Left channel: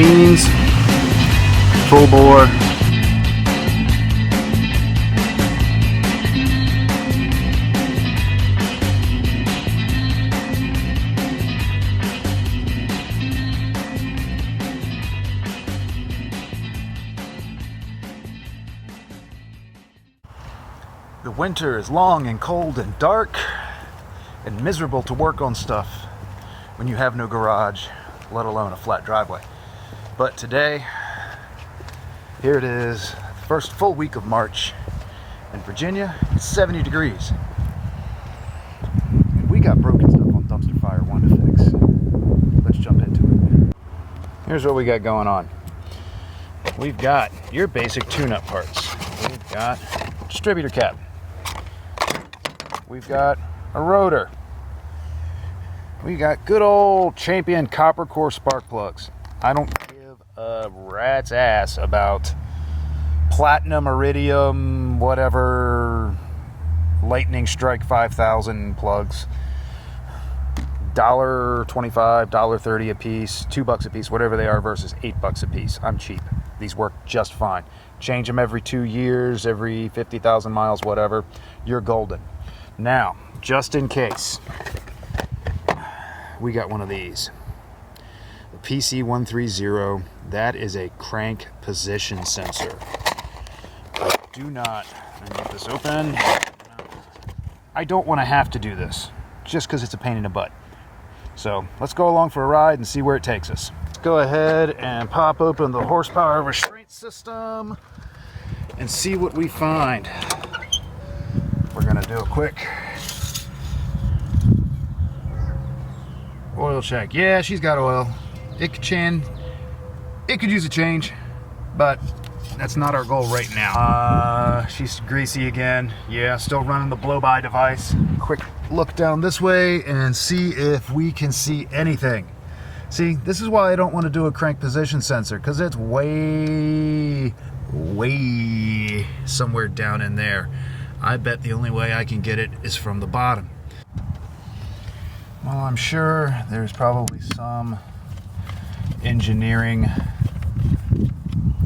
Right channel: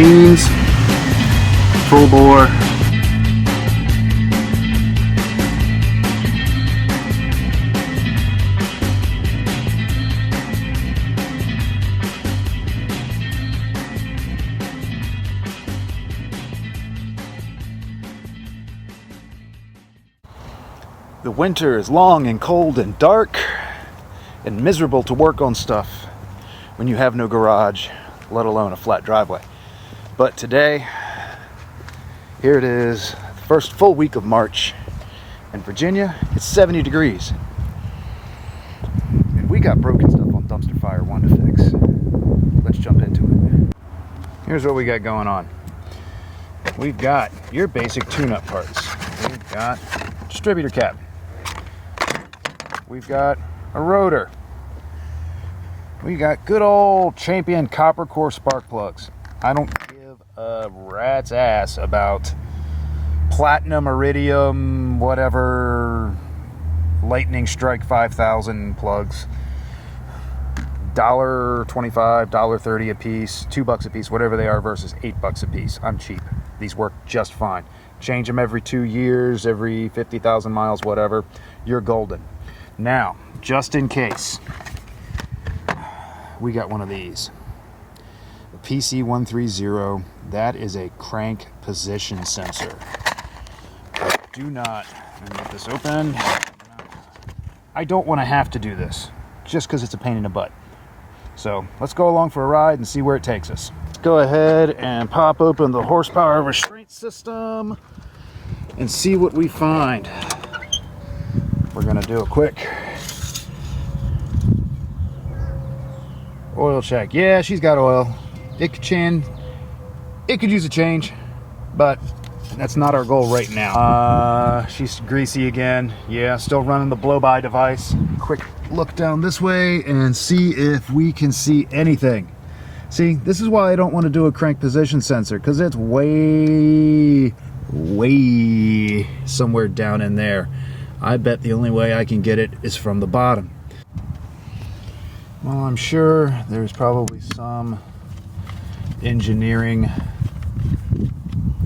beans, full bore. The winter is long and cold and dark and miserable to work on stuff when you have no garage, let alone a flat driveway. But today, here it is, first full week of March. In Virginia, it's 70 degrees. And we got broken stuff on Dumpster Fire 1 to fix. Let's jump into it. Here's what we got going on. We've got your basic tune-up parts. We've got distributor cap. We've got a rotor. We got good old Champion copper core spark plugs. I don't give a rat's ass about platinum, iridium, whatever, lightning strike 5000 plugs. $1.25, $1.30 a piece, $2 a piece, whatever they are, versus $8 a piece. I'm cheap. These work just fine. Change them every 2 years, every 50,000 miles, whatever. You're golden. Now, just in case, we got one of these. The PC130, that is a crank position sensor. Do not, let me get this open. I don't want to have to do this, just because it's a pain in the butt. So, let's go along for a ride and see where it takes us. Let's go ahead and pop open the horsepower restraint system and see what we find. We're going to do a quick oil check. Yeah, she's got oil. It could use a change, but that's not our goal right now. She's greasy again. Yeah, still running the blow-by device. Quick look down this way and see if we can see anything. See, this is why I don't want to do a crank position sensor, because it's way somewhere down in there. I bet the only way I can get it is from the bottom. Well, I'm sure there's probably some engineering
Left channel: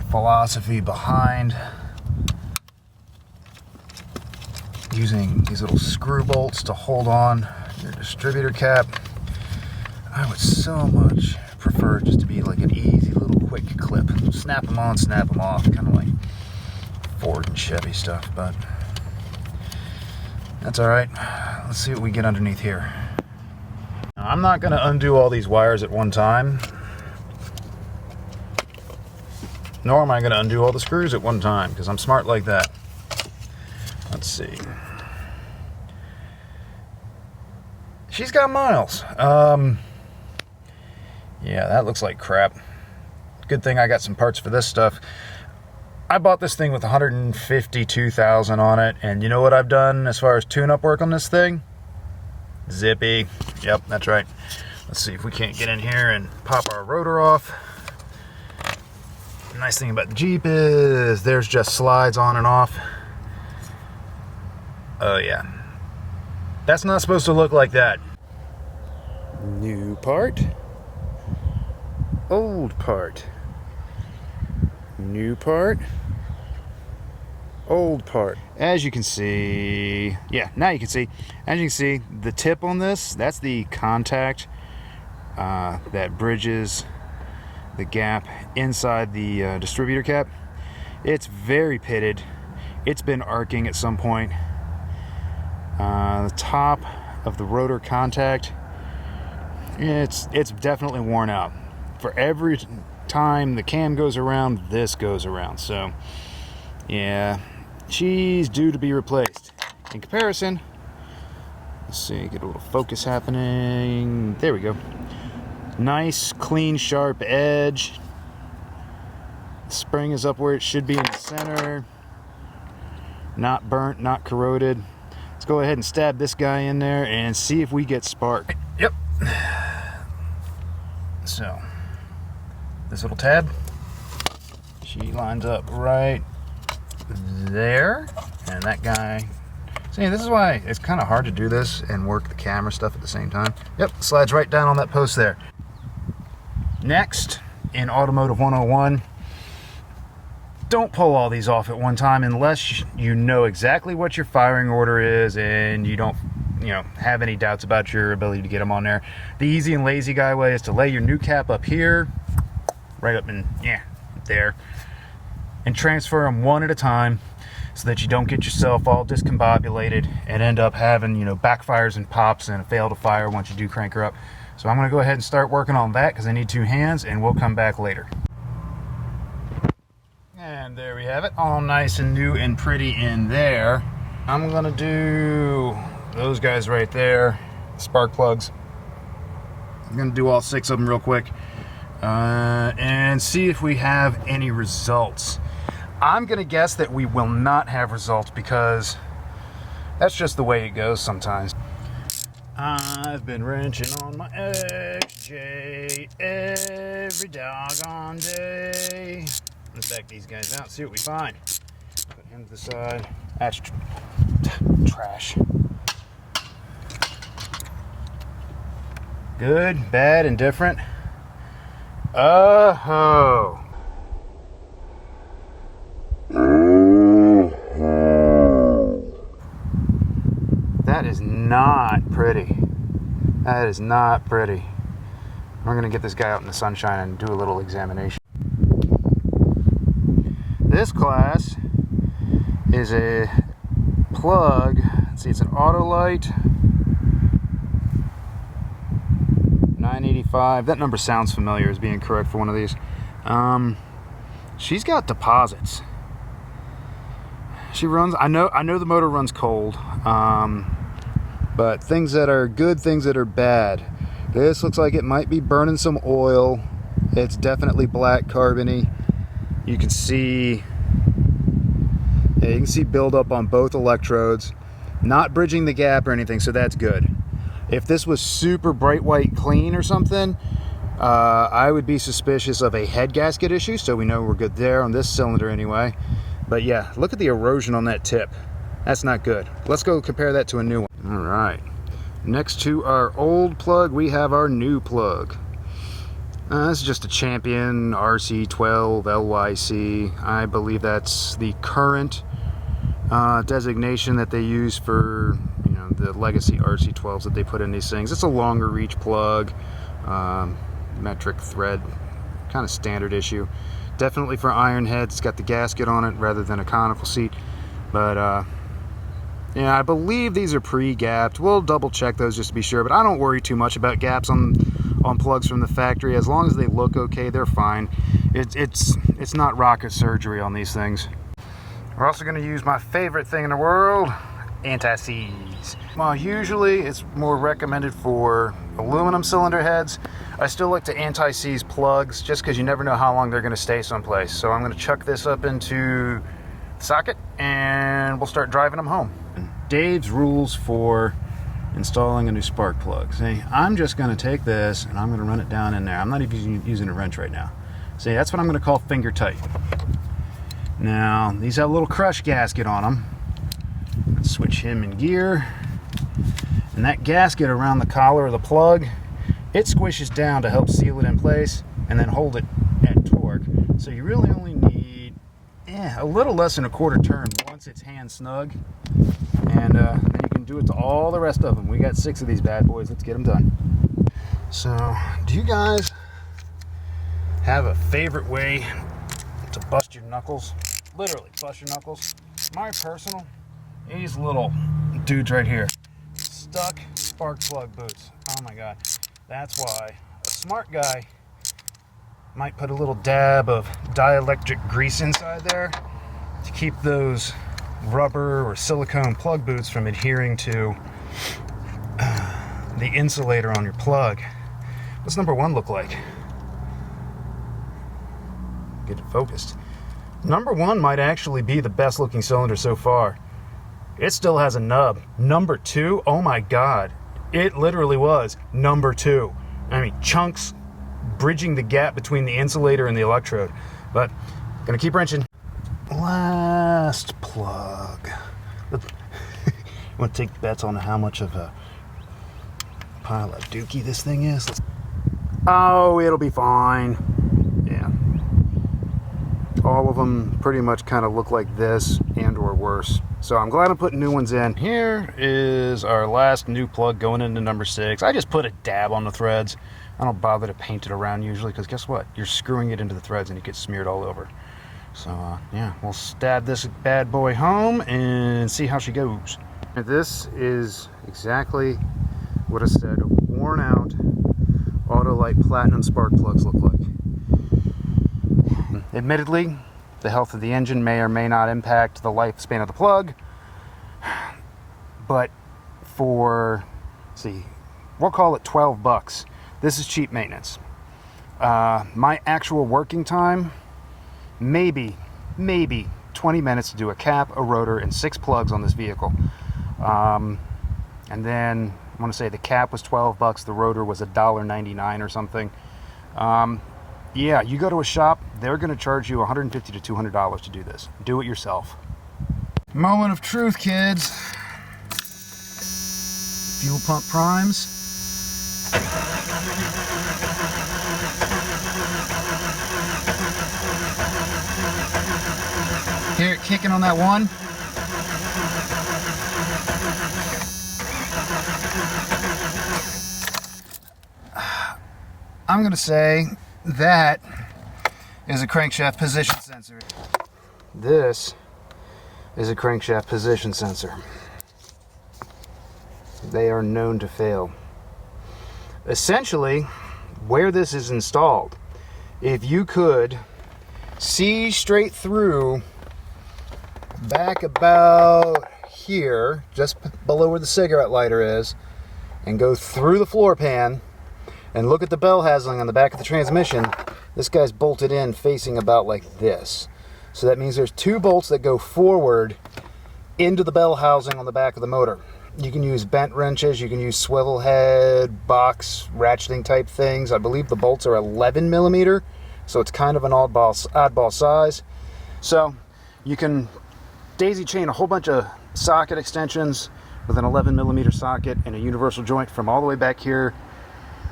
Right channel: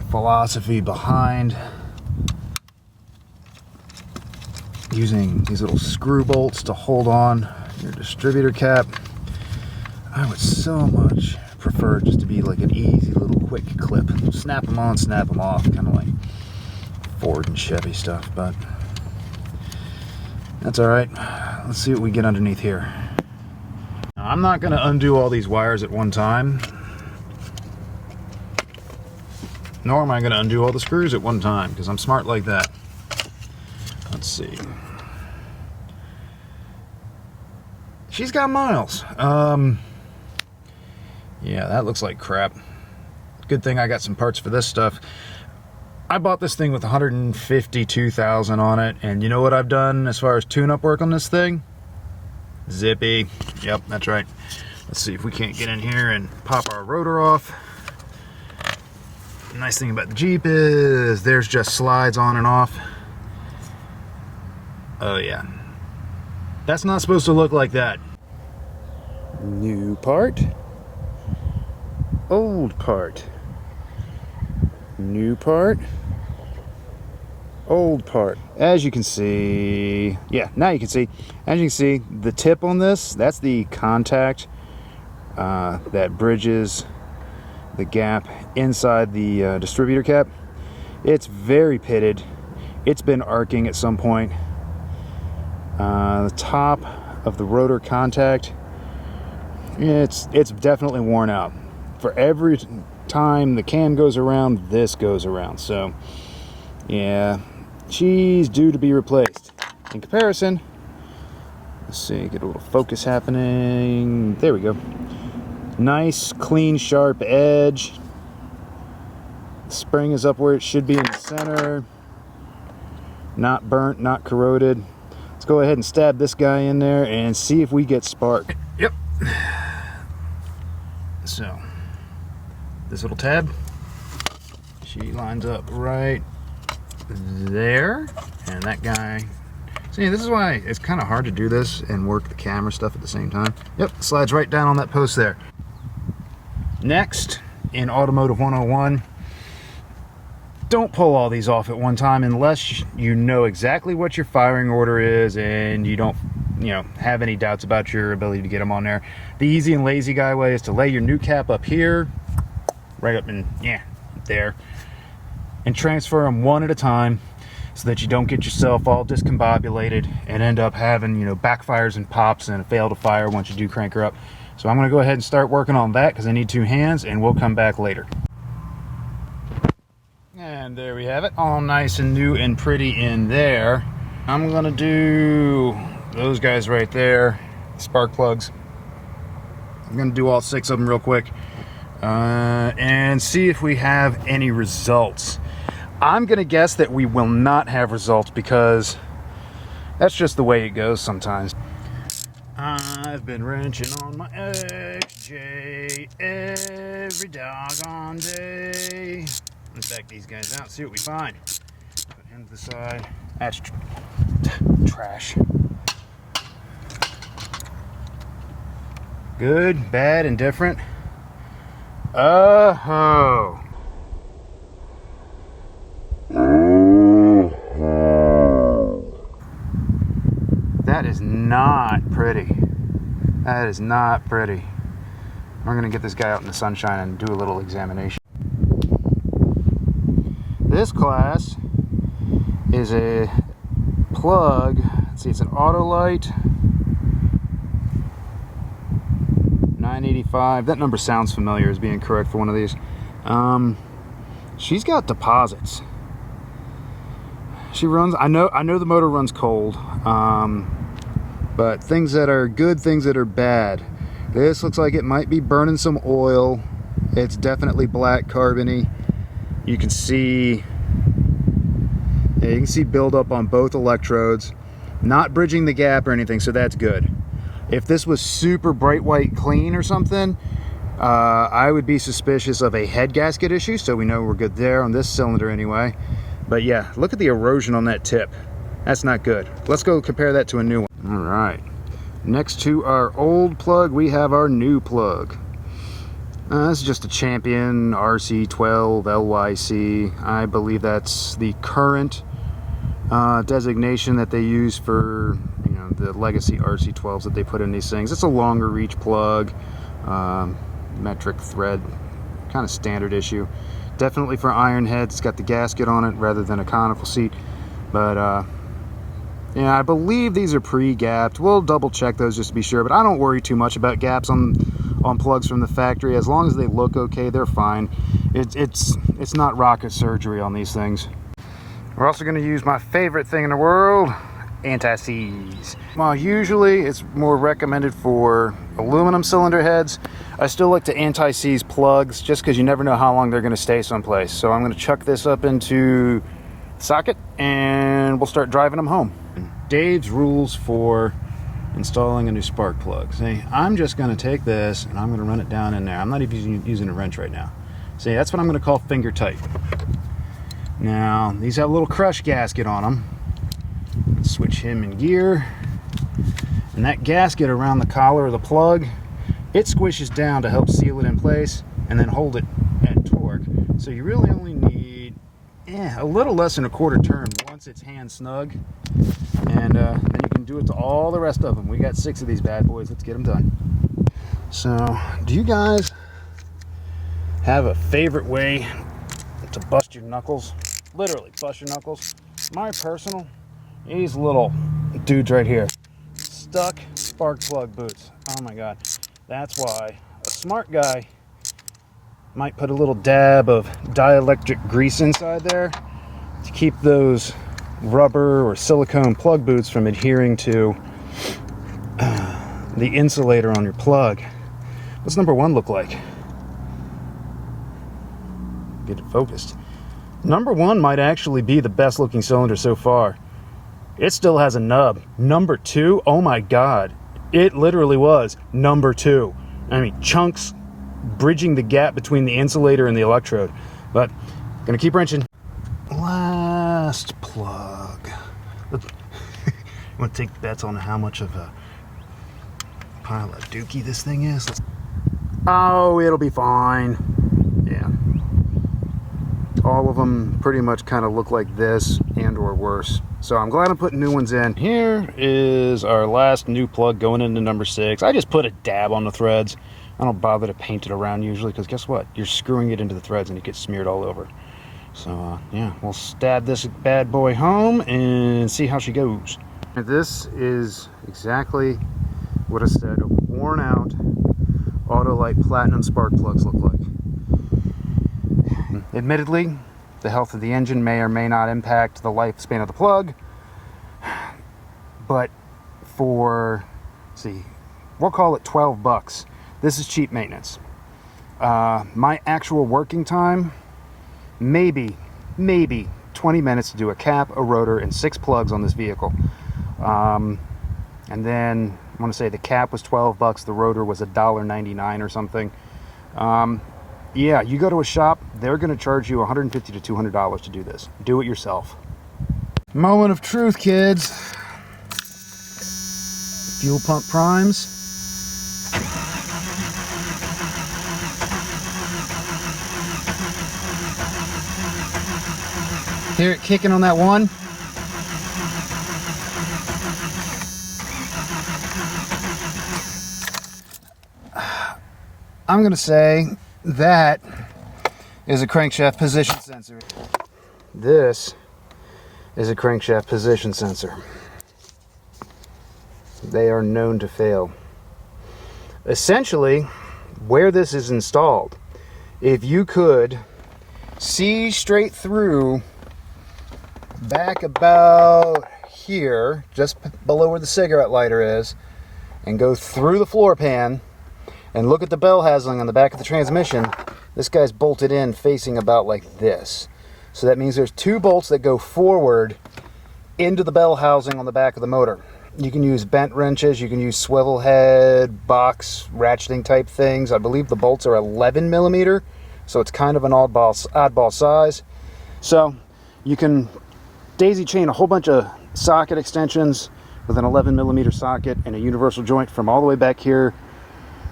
philosophy behind using these little screw bolts to hold on your distributor cap. I would so much prefer just to be like an easy little quick clip. Snap them on, snap them off, kind of like Ford and Chevy stuff, but that's alright. Let's see what we get underneath here. Now, I'm not going to undo all these wires at one time, nor am I going to undo all the screws at one time, because I'm smart like that. Let's see. She's got miles. Yeah, that looks like crap. Good thing I got some parts for this stuff. I bought this thing with 152,000 on it, and you know what I've done as far as tune-up work on this thing? Zippy. Yep, that's right. Let's see if we can't get in here and pop our rotor off. The nice thing about the Jeep is there's just slides on and off. Oh yeah. That's not supposed to look like that. New part. Old part. New part. Old part. As you can see, yeah, now you can see. As you can see, the tip on this, that's the contact that bridges the gap inside the distributor cap. It's very pitted. It's been arcing at some point. The top of the rotor contact, it's definitely worn out. For every time the cam goes around, this goes around. So, yeah, she's due to be replaced. In comparison, let's see, get a little focus happening. There we go. Nice, clean, sharp edge. The spring is up where it should be in the center. Not burnt, not corroded. Let's go ahead and stab this guy in there and see if we get spark. Yep. So, this little tab, she lines up right there, and that guy, see, this is why it's kind of hard to do this and work the camera stuff at the same time. Yep, slides right down on that post there. Next in Automotive 101, don't pull all these off at one time unless you know exactly what your firing order is and you don't, have any doubts about your ability to get them on there. The easy and lazy guy way is to lay your new cap up here, right up in, there, and transfer them one at a time so that you don't get yourself all discombobulated and end up having, backfires and pops and fail to fire once you do crank her up. So I'm going to go ahead and start working on that because I need 2 hands, and we'll come back later. And there we have it, all nice and new and pretty in there. I'm going to do those guys right there, spark plugs. I'm going to do all 6 of them real quick and see if we have any results. I'm going to guess that we will not have results because that's just the way it goes sometimes. I've been wrenching on my XJ every doggone day. Let's back these guys out, see what we find. Put him to the side. That's trash. Good, bad, indifferent. Oh. That is not pretty. That is not pretty. We're going to get this guy out in the sunshine and do a little examination. This class is a plug. Let's see, it's an Autolite 985. That number sounds familiar as being correct for one of these. She's got deposits. She runs, I know the motor runs cold, but things that are good, things that are bad. This looks like it might be burning some oil. It's definitely black carbony. You can see, buildup on both electrodes. Not bridging the gap or anything, so that's good. If this was super bright white clean or something, I would be suspicious of a head gasket issue, so we know we're good there on this cylinder anyway. But yeah, look at the erosion on that tip. That's not good. Let's go compare that to a new one. All right. Next to our old plug, we have our new plug. This is just a Champion RC12 LYC. I believe that's the current designation that they use for the legacy RC12s that they put in these things. It's a longer reach plug, metric thread, kind of standard issue. Definitely for iron heads. It's got the gasket on it rather than a conical seat. But I believe these are pre-gapped. We'll double check those just to be sure, but I don't worry too much about gaps on plugs from the factory. As long as they look okay, they're fine. It's not rocket surgery on these things. We're also going to use my favorite thing in the world, anti-seize. While usually it's more recommended for aluminum cylinder heads, I still like to anti-seize plugs just because you never know how long they're going to stay someplace. So I'm going to chuck this up into the socket and we'll start driving them home. Dave's rules for installing a new spark plug. See, I'm just going to take this and I'm going to run it down in there. I'm not even using a wrench right now. See, that's what I'm going to call finger tight. Now, these have a little crush gasket on them. Let's switch him in gear. And that gasket around the collar of the plug, it squishes down to help seal it in place and then hold it at torque. So you really only need a little less than a quarter turn once it's hand snug. And then you can do it to all the rest of them. We got 6 of these bad boys. Let's get them done. So, do you guys have a favorite way to bust your knuckles? Literally, bust your knuckles. My personal, these little dudes right here. Stuck spark plug boots. Oh my god. That's why a smart guy might put a little dab of dielectric grease inside there to keep those rubber or silicone plug boots from adhering to the insulator on your plug. What's number 1 look like? Get it focused. Number 1 might actually be the best looking cylinder so far. It still has a nub. Number 2, oh my god. It literally was number 2. I mean, chunks bridging the gap between the insulator and the electrode. But, gonna keep wrenching. Last plug. I'm gonna take bets on how much of a pile of dookie this thing is. Oh, it'll be fine. all of them pretty much kind of look like this and or worse. So I'm glad I'm putting new ones in. Here is our last new plug going into number 6. I just put a dab on the threads. I don't bother to paint it around usually, because guess what? You're screwing it into the threads and it gets smeared all over. So yeah, we'll stab this bad boy home and see how she goes. And this is exactly what a set of worn out Autolite Platinum spark plugs look like. Admittedly, the health of the engine may or may not impact the lifespan of the plug, but for, let's see, we'll call it 12 bucks. This is cheap maintenance. My actual working time, maybe 20 minutes to do a cap, a rotor, and 6 plugs on this vehicle. And then I want to say the cap was 12 bucks, the rotor was $1.99 or something. Yeah, you go to a shop, they're going to charge you $150 to $200 to do this. Do it yourself. Moment of truth, kids. Fuel pump primes. Hear it kicking on that one? I'm going to say that is a crankshaft position sensor. This is a crankshaft position sensor. They are known to fail. Essentially, where this is installed, if you could see straight through back about here, just below where the cigarette lighter is, and go through the floor pan and look at the bell housing on the back of the transmission, this guy's bolted in facing about like this. So that means there's 2 bolts that go forward into the bell housing on the back of the motor. You can use bent wrenches, you can use swivel head, box, ratcheting type things. I believe the bolts are 11 millimeter, so it's kind of an oddball size. So you can daisy chain a whole bunch of socket extensions with an 11 millimeter socket and a universal joint from all the way back here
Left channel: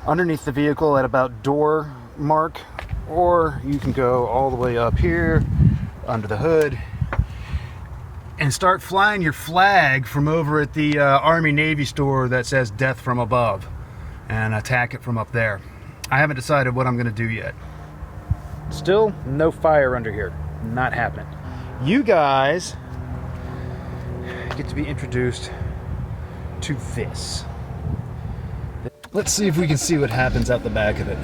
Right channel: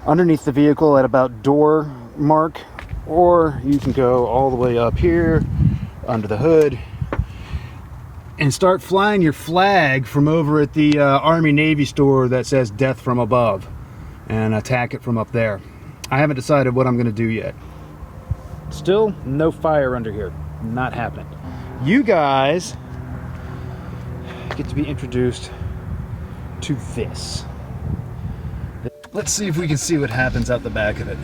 underneath the vehicle at about door mark, or you can go all the way up here under the hood and start flying your flag from over at the Army Navy store that says death from above and attack it from up there. I haven't decided what I'm going to do yet. Still no fire under here. Not happening. You guys get to be introduced to this. Let's see if we can see what happens out the back of it.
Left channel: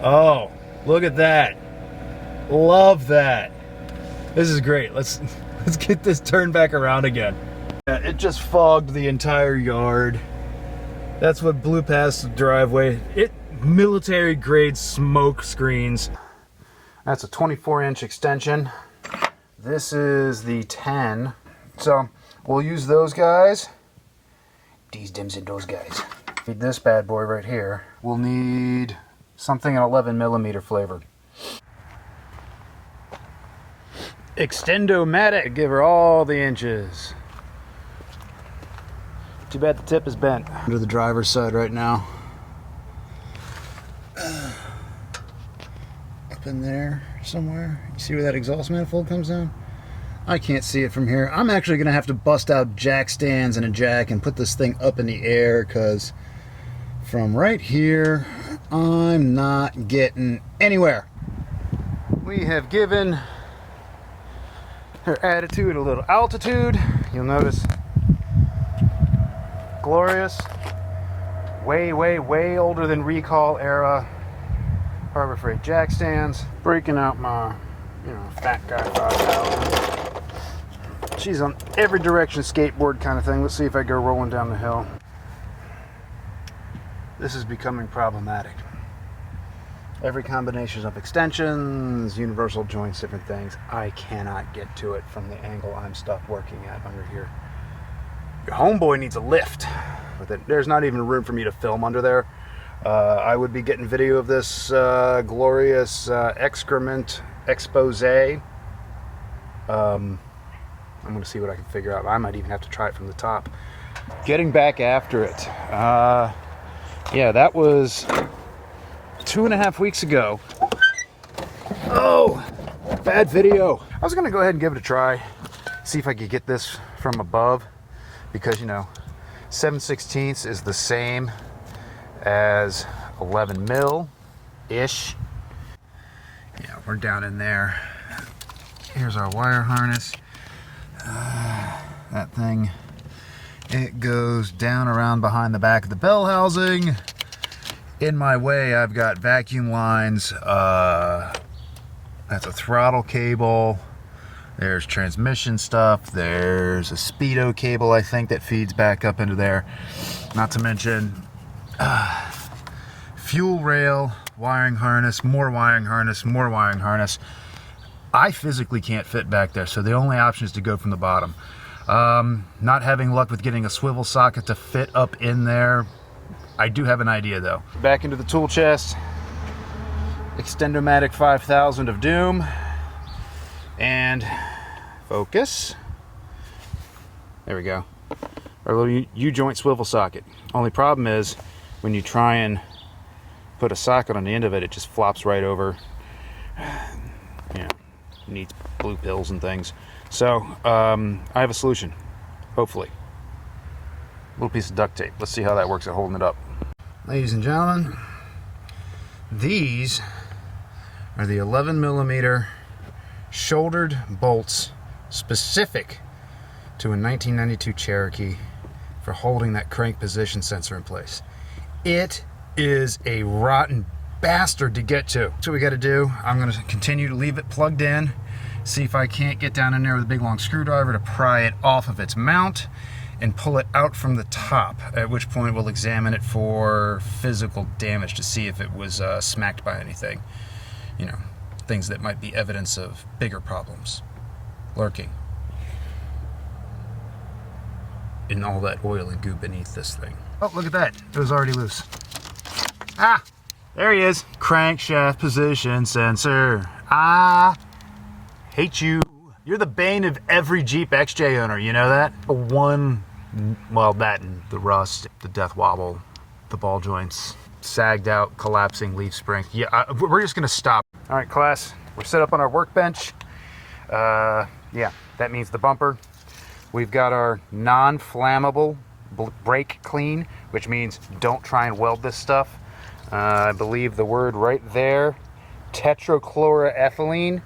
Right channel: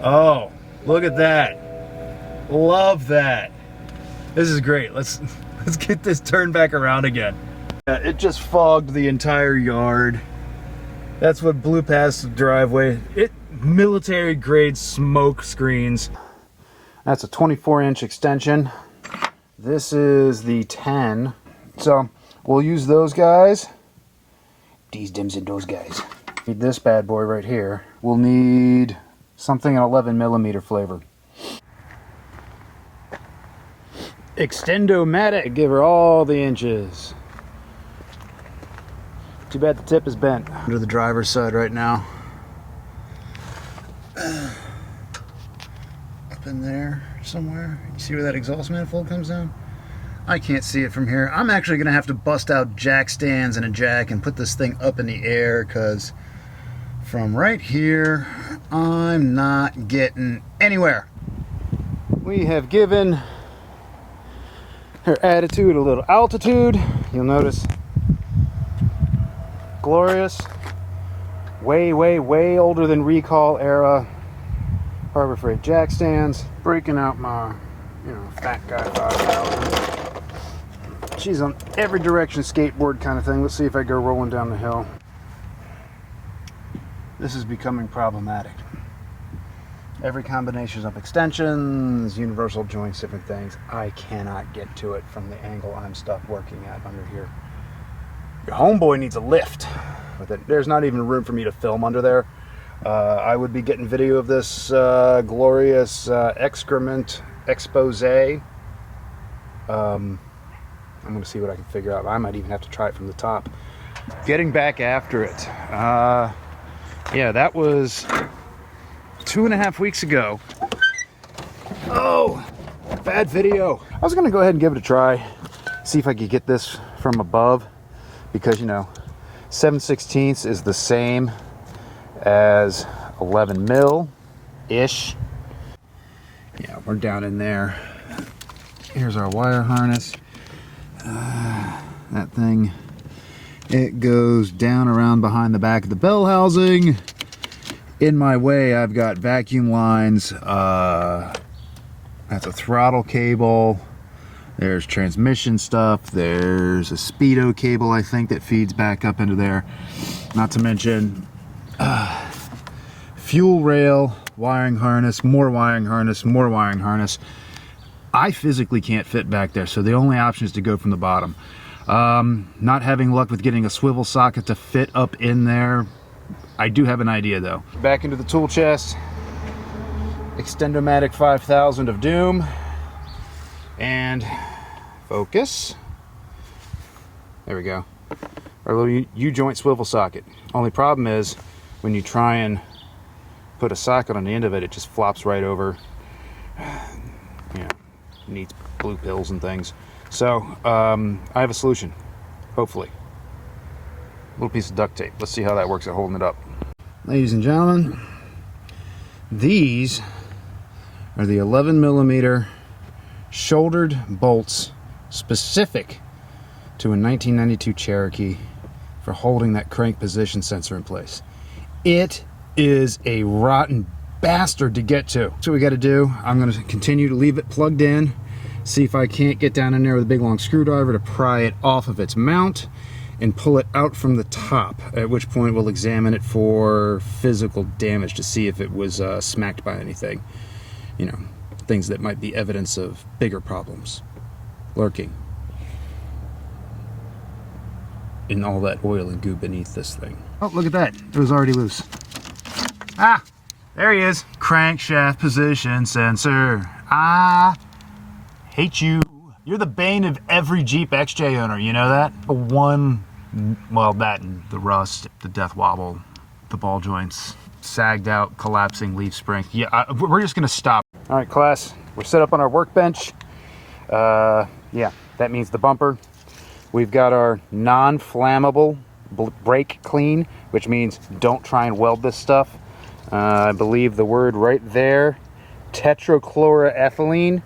Oh, look at that. Love that. This is great. Let's get this turned back around again. It just fogged the entire yard. That's what blew past the driveway. It military grade smoke screens. That's a 24-inch extension. This is the 10. So we'll use those guys. These dims and those guys. Need this bad boy right here. We'll need something in 11 millimeter flavor. Extendo-matic. Give her all the inches. Too bad the tip is bent. Under the driver's side right now. Up in there somewhere. You see where that exhaust manifold comes down? I can't see it from here. I'm actually going to have to bust out jack stands and a jack and put this thing up in the air, because from right here, I'm not getting anywhere. We have given her attitude a little altitude. You'll notice glorious, way older than recall era Harbor Freight jack stands. Breaking out my, fat guy 5000. She's on every direction skateboard kind of thing. Let's see if I go rolling down the hill. This is becoming problematic. Every combination of extensions, universal joints, different things. I cannot get to it from the angle I'm stuck working at under here. Your homeboy needs a lift with it. There's not even room for me to film under there. I would be getting video of this glorious excrement expose. I'm going to see what I can figure out. I might even have to try it from the top. Getting back after it. Yeah, that was 2.5 weeks ago. Oh, bad video. I was gonna go ahead and give it a try, see if I could get this from above, because, you know, 7/16 is the same as 11 mil-ish. Yeah, we're down in there. Here's our wire harness. That thing, it goes down around behind the back of the bell housing. In my way, I've got vacuum lines. That's a throttle cable. There's transmission stuff. There's a speedo cable, I think, that feeds back up into there. Not to mention fuel rail, wiring harness, more wiring harness, more wiring harness. I physically can't fit back there, so the only option is to go from the bottom. Not having luck with getting a swivel socket to fit up in there. I do have an idea, though. Back into the tool chest. Extendomatic 5000 of Doom. And focus. There we go. Our little U-joint swivel socket. Only problem is, when you try and put a socket on the end of it, it just flops right over. You know, needs blue pills and things. So, I have a solution. Hopefully. Little piece of duct tape. Let's see how that works at holding it up. Ladies and gentlemen, these are the 11 millimeter shouldered bolts specific to a 1992 Cherokee for holding that crank position sensor in place. It is a rotten bastard to get to. So what we got to do, I'm going to continue to leave it plugged in, see if I can't get down in there with a big long screwdriver to pry it off of its mount and pull it out from the top, at which point we'll examine it for physical damage to see if it was smacked by anything. You know, things that might be evidence of bigger problems lurking in all that oil and goo beneath this thing. Oh, look at that. It was already loose. Ah, there he is. Crankshaft position sensor. I hate you. You're the bane of every Jeep XJ owner, you know that? Well, that and the rust, the death wobble, the ball joints, sagged out, collapsing leaf springs. Yeah, we're just gonna stop. All right, class, we're set up on our workbench. Yeah, that means the bumper. We've got our non-flammable brake clean, which means don't try and weld this stuff. I believe the word right there, tetrachloroethylene.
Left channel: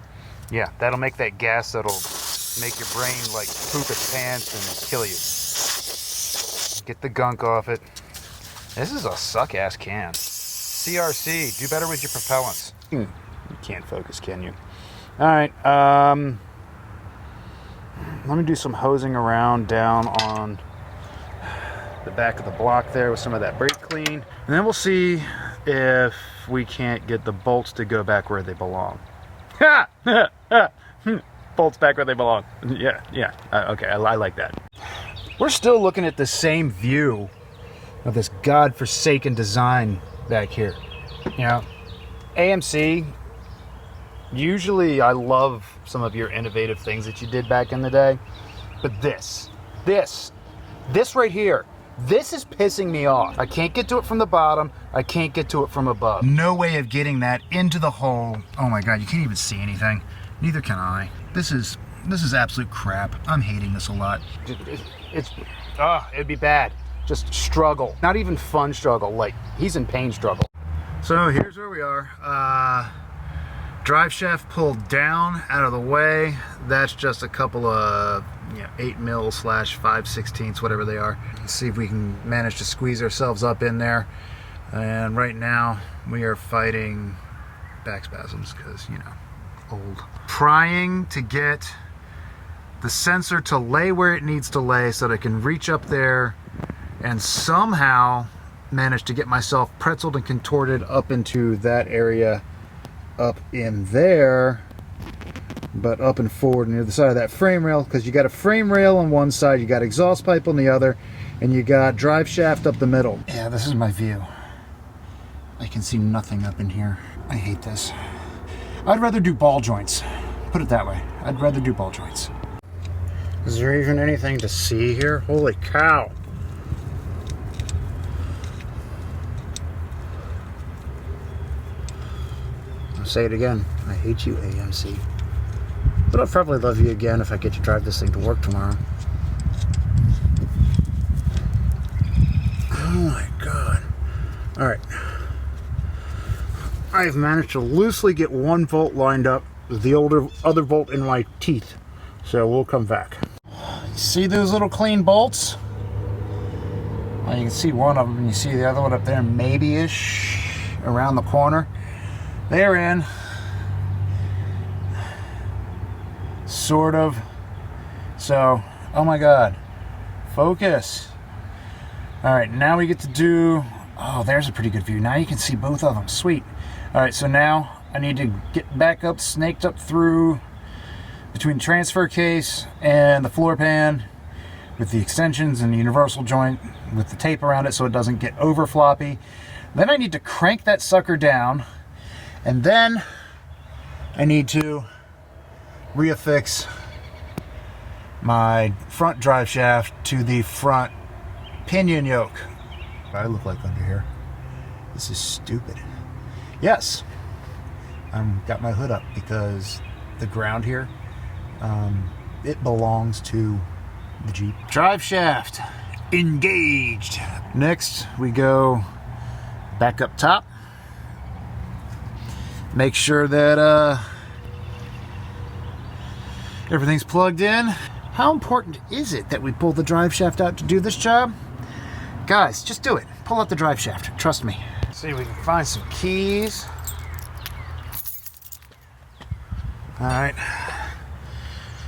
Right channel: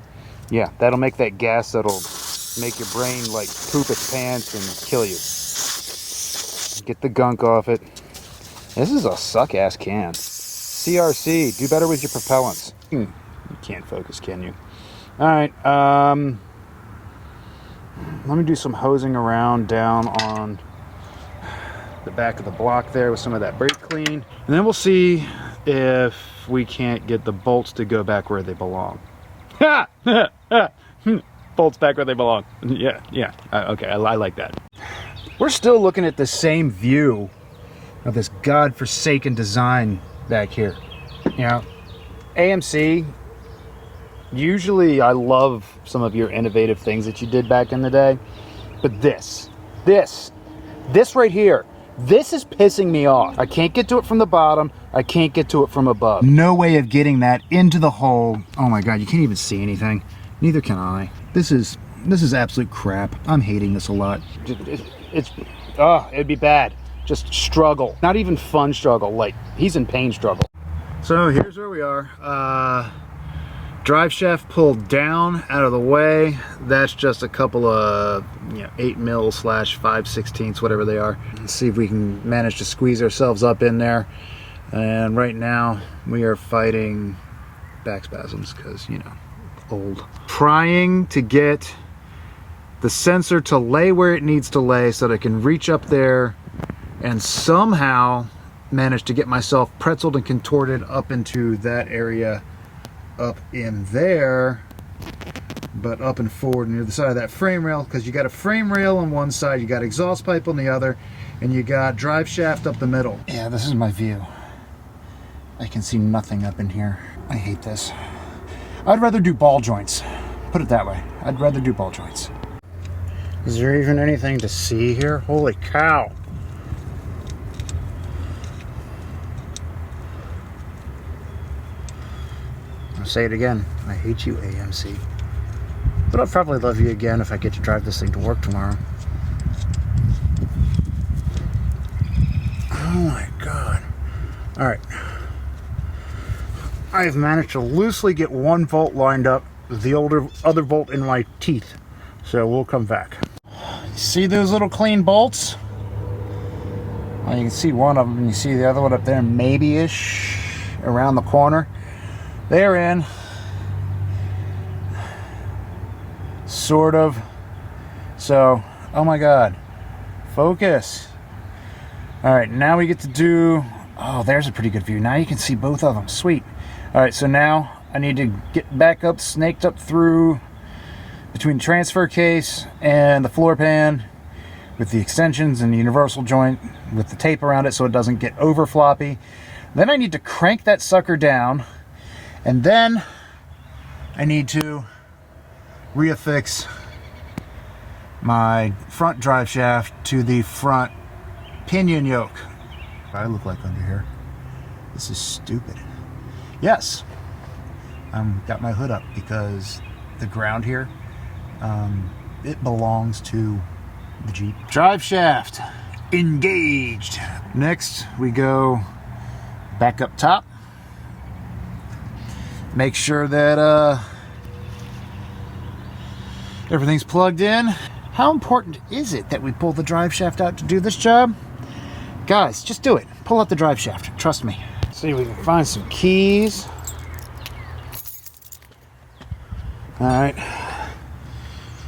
Yeah, that'll make that gas that'll make your brain like poop its pants and kill you. Get the gunk off it. This is a suck-ass can. CRC, do better with your propellants. You can't focus, can you? Alright, let me do some hosing around down on the back of the block there with some of that brake clean. And then we'll see if we can't get the bolts to go back where they belong. Ha! Bolts back where they belong. Yeah. Okay, I like that. We're still looking at the same view of this godforsaken design back here. You know, AMC, usually I love some of your innovative things that you did back in the day, but this right here, this is pissing me off. I can't get to it from the bottom. I can't get to it from above. No way of getting that into the hole. Oh my God, you can't even see anything. Neither can I. This is absolute crap. I'm hating this a lot. It'd be bad. Just struggle. Not even fun struggle. Like, he's in pain struggle. So here's where we are. Drive shaft pulled down, out of the way. That's just a couple of 8 mil/5/16, whatever they are. Let's see if we can manage to squeeze ourselves up in there. And right now we are fighting back spasms because, old. Trying to get the sensor to lay where it needs to lay so that I can reach up there and somehow manage to get myself pretzeled and contorted up into that area up in there, but up and forward near the side of that frame rail, because you got a frame rail on one side, you got exhaust pipe on the other, and you got drive shaft up the middle. Yeah, this is my view. I can see nothing up in here. I hate this. I'd rather do ball joints. Put it that way. I'd rather do ball joints. Is there even anything to see here? Holy cow. say it again. I hate you, AMC. But I'll probably love you again if I get to drive this thing to work tomorrow. Oh my God. Alright. I've managed to loosely get one bolt lined up with the other bolt in my teeth. So we'll come back. See those little clean bolts? Well, you can see one of them, and you see the other one up there, maybe-ish, around the corner. They're in. Sort of. So, oh my God. Focus. Alright, now we get to do... Oh, there's a pretty good view. Now you can see both of them. Sweet. Alright, so now I need to get back up, snaked up through between the transfer case and the floor pan with the extensions and the universal joint with the tape around it so it doesn't get over floppy. Then I need to crank that sucker down, and then I need to reaffix my front drive shaft to the front pinion yoke. What I look like under here. This is stupid. Yes, I've got my hood up because the ground here, it belongs to the Jeep. Drive shaft engaged. Next we go back up top. Make sure that everything's plugged in. How important is it that we pull the drive shaft out to do this job? Guys, just do it. Pull out the drive shaft. Trust me. See if we can find some keys. Alright.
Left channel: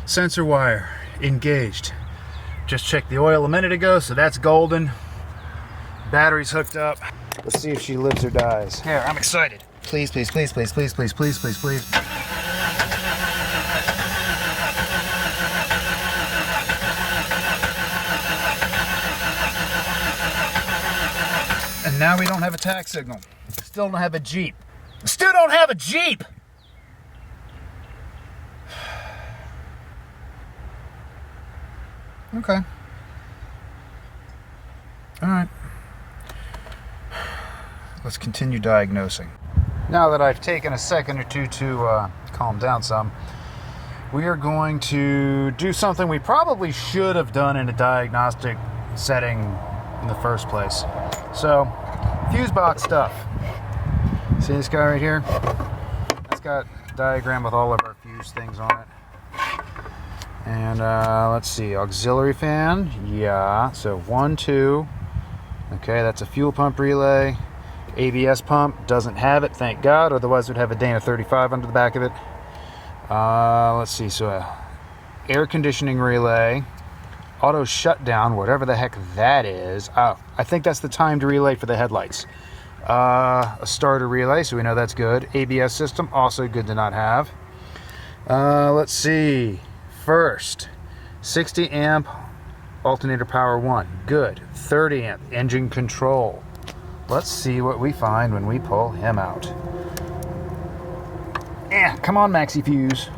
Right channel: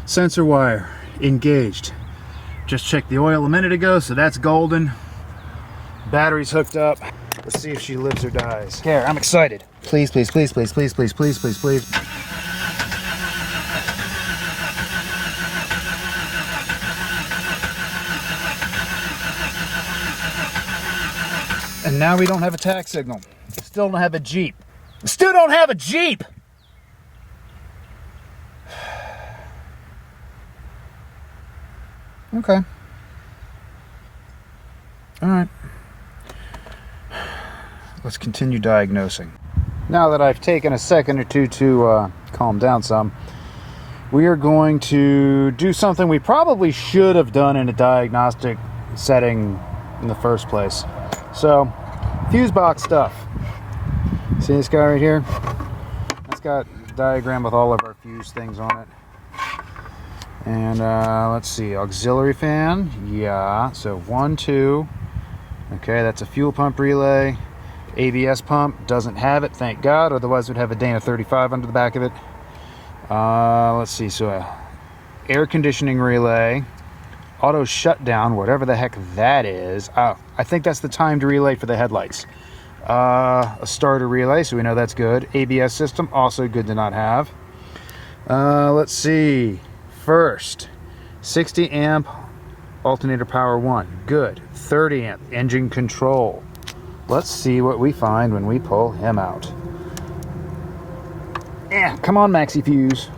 Sensor wire engaged. Just checked the oil a minute ago, so that's golden. Battery's hooked up. Let's see if she lives or dies. Okay, I'm excited. Please, please, please, please, please, please, please, please, please. And now we don't have a tack signal. Still don't have a Jeep. Still don't have a Jeep! Okay. Alright. Let's continue diagnosing. Now that I've taken a second or two to calm down some, we are going to do something we probably should have done in a diagnostic setting in the first place. So, fuse box stuff. See this guy right here? That's got a diagram with all of our fuse things on it. And let's see, auxiliary fan, yeah, so 1, 2, okay, that's a fuel pump relay. ABS pump, doesn't have it, thank God, otherwise we'd have a Dana 35 under the back of it. Let's see, so air conditioning relay, auto shutdown, whatever the heck that is. Oh, I think that's the timed relay for the headlights. A starter relay, so we know that's good. ABS system, also good to not have. Let's see. First, 60 amp alternator power 1, good. 30 amp engine control. Let's see what we find when we pull him out. Yeah, come on, Maxi Fuse.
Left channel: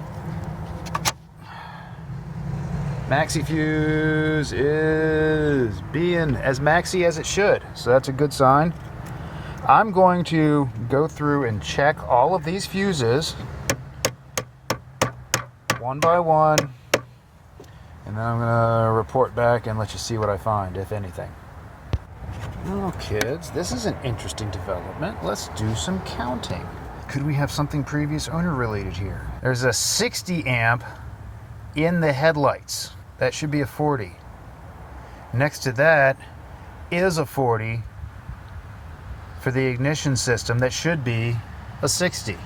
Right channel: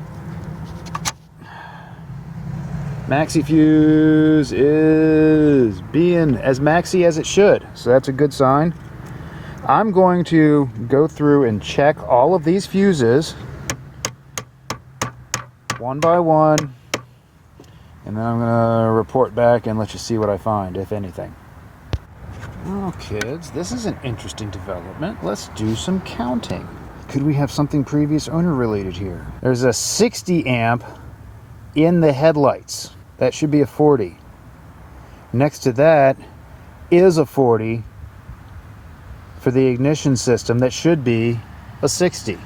Maxi Fuse is being as maxi as it should, so that's a good sign. I'm going to go through and check all of these fuses one by one, and then I'm going to report back and let you see what I find, if anything. Well, kids, this is an interesting development. Let's do some counting. Could we have something previous owner related here? There's a 60 amp in the headlights. That should be a 40. Next to that is a 40 for the ignition system. That should be a 60.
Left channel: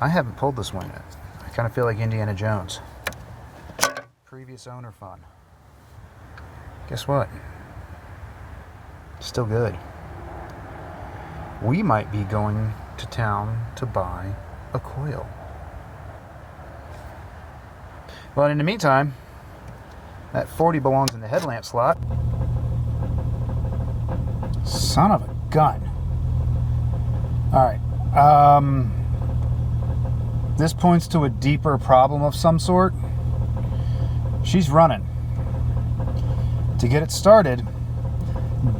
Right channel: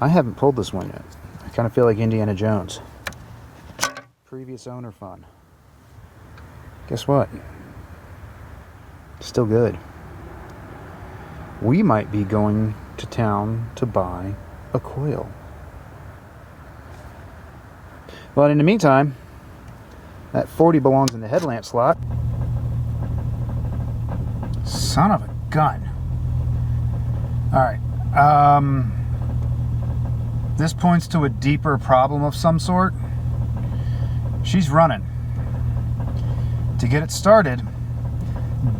I haven't pulled this one yet. I kind of feel like Indiana Jones. Previous owner fun. Guess what? Still good. We might be going to town to buy a coil. But in the meantime, that 40 belongs in the headlamp slot. Son of a gun. Alright. This points to a deeper problem of some sort. She's running. To get it started,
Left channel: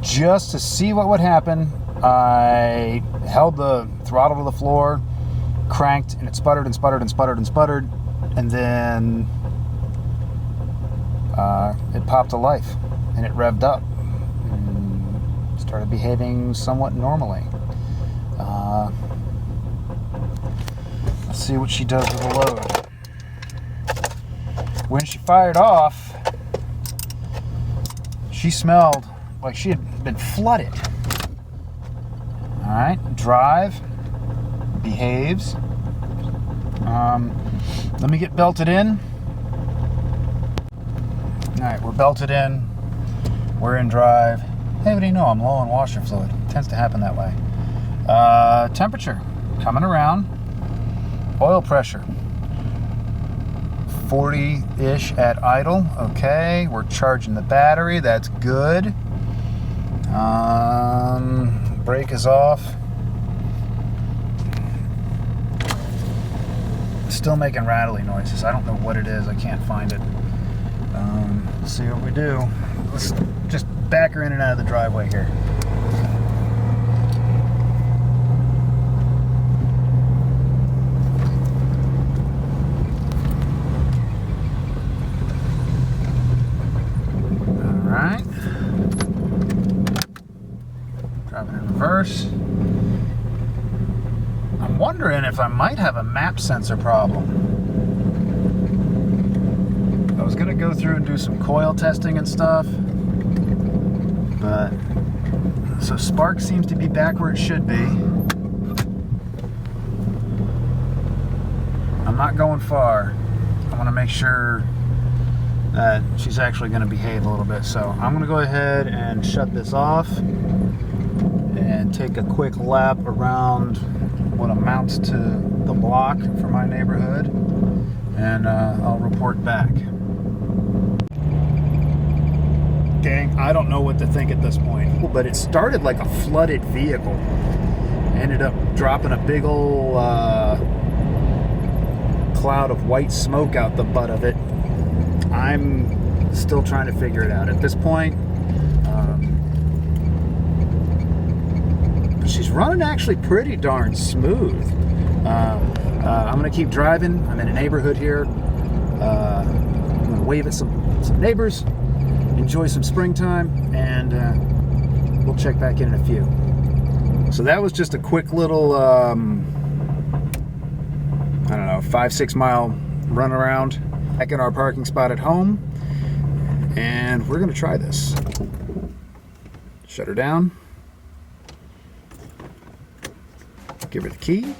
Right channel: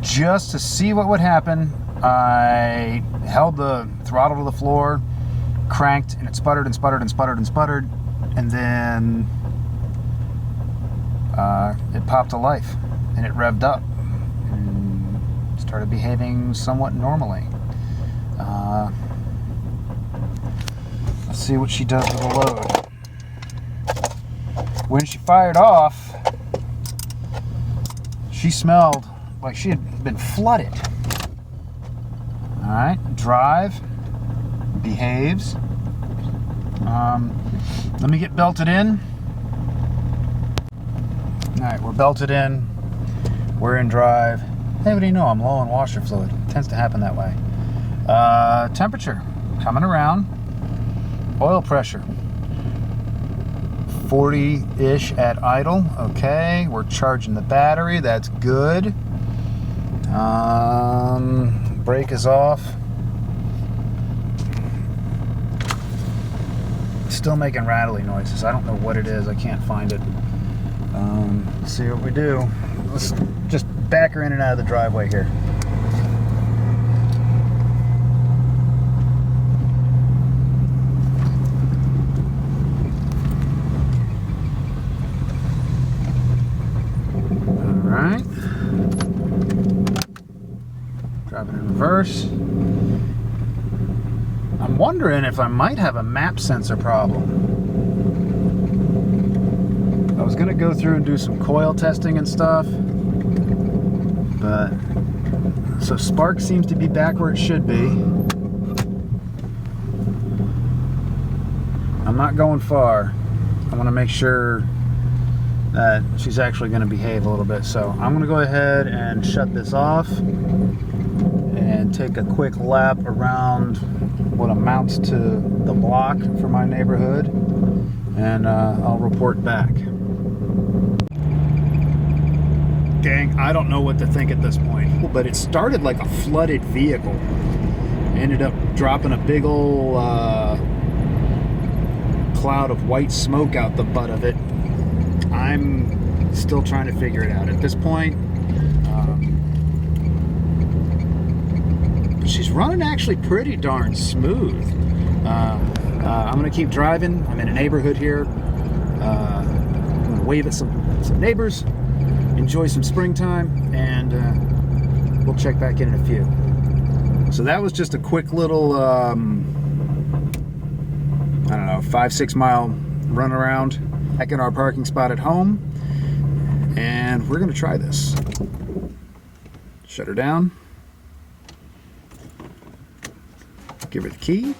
just to see what would happen, I held the throttle to the floor, cranked, and it sputtered and sputtered and sputtered and sputtered, and then it popped to life, and it revved up and started behaving somewhat normally. Let's see what she does with the load. When she fired off, she smelled like she had been flooded. Alright, drive, behaves. Let me get belted in. Alright, we're belted in. We're in drive. Hey, what do you know? I'm low on washer fluid. It tends to happen that way. Temperature coming around. Oil pressure 40-ish at idle. Okay, we're charging the battery. That's good. Brake is off. Still making rattly noises. I don't know what it is. I can't find it. Let's see what we do. Let's just back her in and out of the driveway here. Alright. Driving in reverse. I'm wondering if I might have a map sensor problem. I was going to go through and do some coil testing and stuff, but so spark seems to be back where it should be. I'm not going far. I want to make sure that she's actually going to behave a little bit, so I'm going to go ahead and shut this off and take a quick lap around what amounts to the block for my neighborhood, and I'll report back. Gang, I don't know what to think at this point, but it started like a flooded vehicle. Ended up dropping a big old cloud of white smoke out the butt of it. I'm still trying to figure it out at this point. She's running actually pretty darn smooth. I'm going to keep driving. I'm in a neighborhood here. I'm going to wave at some neighbors, enjoy some springtime, and we'll check back in a few. So that was just a quick little, I don't know, 5-6 mile run around back in our parking spot at home. And we're going to try this. Shut her down. Give her the key.